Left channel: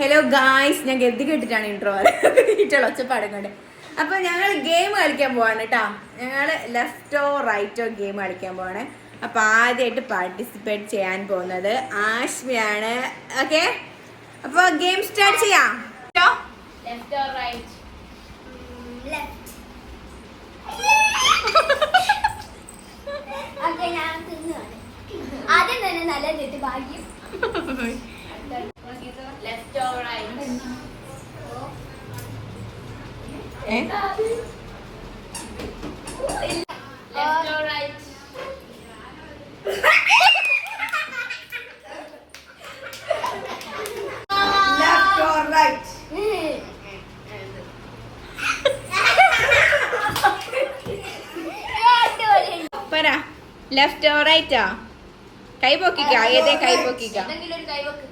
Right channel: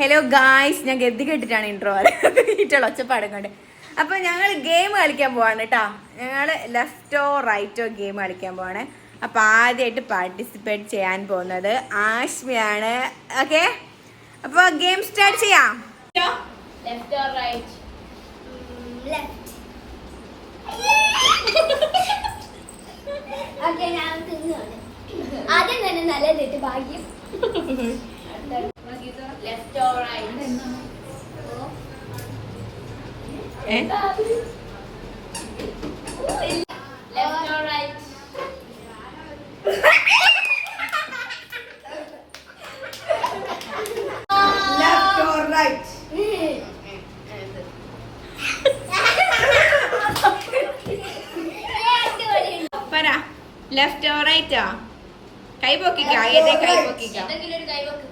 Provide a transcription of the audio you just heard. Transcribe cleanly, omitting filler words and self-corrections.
Hello guys, ഞാൻ ഗതി കേട്ടിട്ടാണ് intro വീട്ടുള്ള ഒച്ചപ്പാടും കൊണ്ട്. അപ്പൊ ഞങ്ങൾ ഗെയിം കളിക്കാൻ പോവാണ് കേട്ടോ. ഞങ്ങള് ലെഫ്റ്റോ റൈറ്റോ ഗെയിം കളിക്കാൻ പോവാണ്. അപ്പൊ ആദ്യമായിട്ട് പാർട്ടിസിപ്പേറ്റ് ചെയ്യാൻ പോകുന്നത് ആശ്മിയാണ്. ഓക്കെ, അപ്പൊ ഗെയിം സ്റ്റാർട്ട് ചെയ്യാം. Left or right? Left. Okay, ഞാൻ തിന്നുകയാണ്. ആദ്യം തന്നെ നല്ലത് ഭാഗ്യം. Left or right? Left or right? Left or right? പറ, ലെഫ്റ്റ് ഓർ റൈറ്റാ? കൈ പൊക്കിക്ക, ആദ്യത്തെ കൈ പൊക്കിക്ക. എന്തെങ്കിലും ഒരു കൈ വെക്ക്.